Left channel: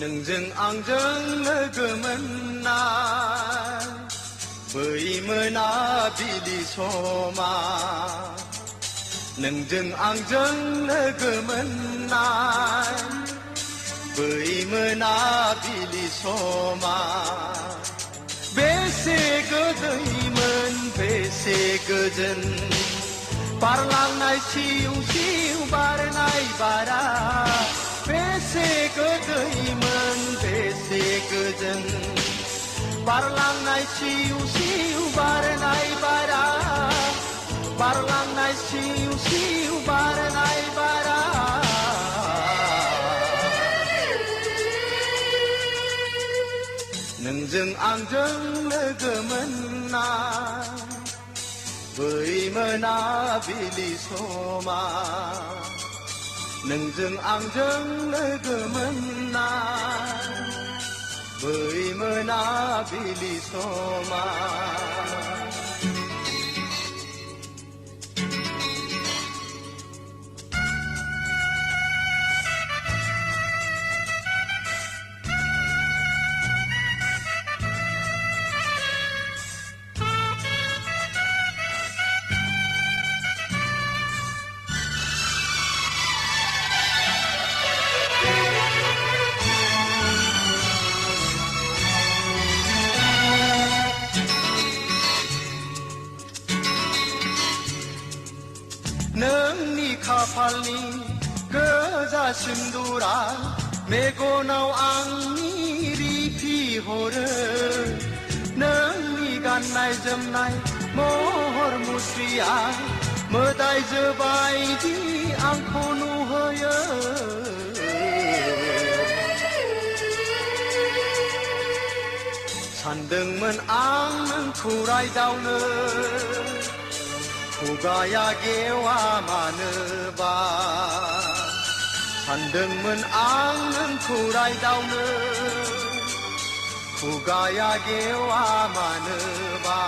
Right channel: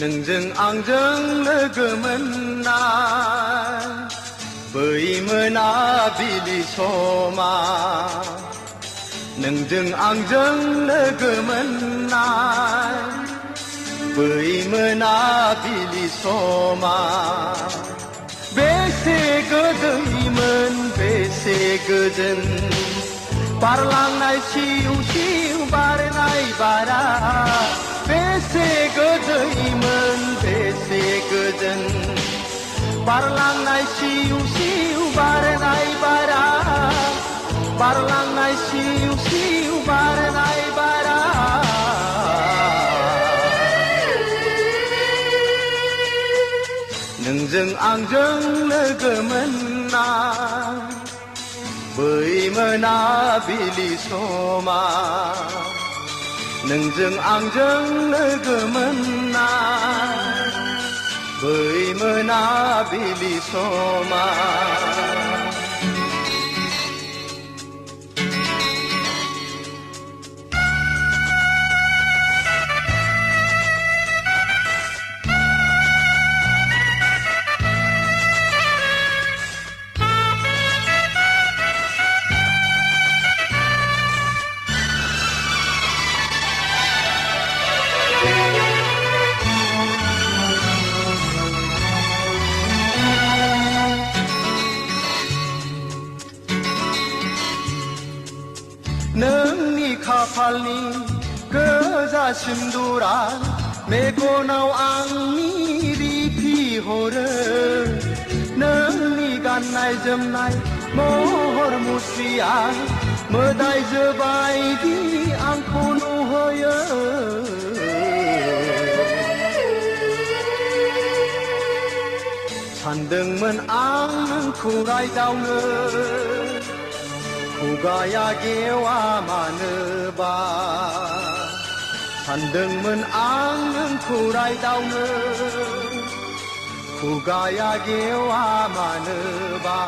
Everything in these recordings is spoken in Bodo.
नोंजों आंजों लोगो मोननाय बै मोनाबिलि समा नोंजों आंजों लोगो मोननाय बै मोनाबिलि समा बेसे गोदैमोन बेसे गोजोन बारलांनाय सिउ सिउ बारनाय बारा बेसे गोदैमोन बेसे गोजोन बारलांनाय सिउ सिउ बारनाय बारा बारलांनाय सिउ सिउ बारनाय बारा नोंजों आंजों लोगो मोननाय बै मोनाबिलि समा नोंजों आंजों लोगो मोननाय बै मोनाबिलि समा नोंनि खाफालनि गोजा सिन्दुरा मेगनाव आंनि रिफिहरो नोंनि गाननाय जोमनाय महर मुस्रिया मोदायजो बायदि आंखौ नुहोयो सानदोंमोन आं नोंखौ रायदावनो खुगाया गेवा मानोबा सानदोंमोन आं नोंखौ रायदावनो खुगाया गेवा मानोबा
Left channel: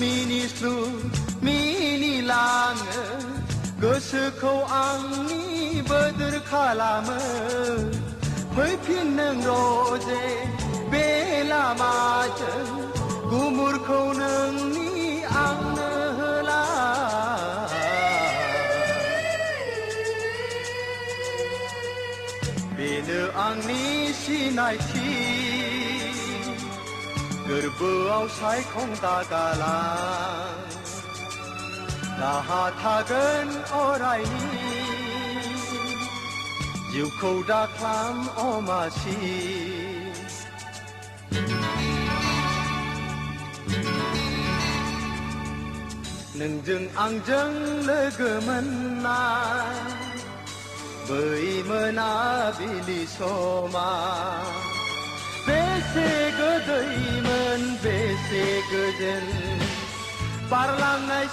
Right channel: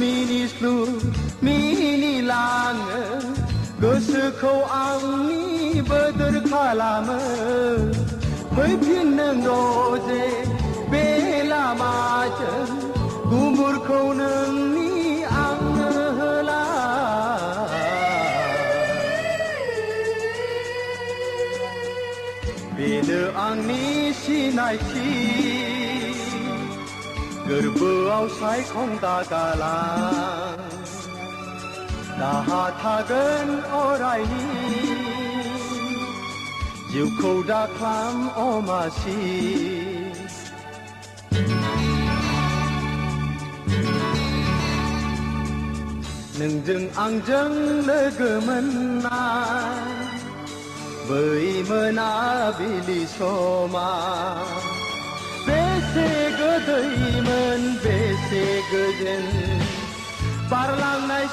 मिनिस्लु मिनिलाङो गोसोखौ आंनि बोदोर खालामो फैफिननांगौ जे बे लामाजों गुमुरखौ नोंनि आंनो होला बेनो आंनि सिनायथि गोरबोआव सायखं दागालां दाहा थागोन अरायनि जिउखौ दाख्लाम अमासि नोंजों आंजों लोगो मोननाय बै मोनाबिलि समा बेसे गोदैमोन बेसे गोजोन बारलांनाय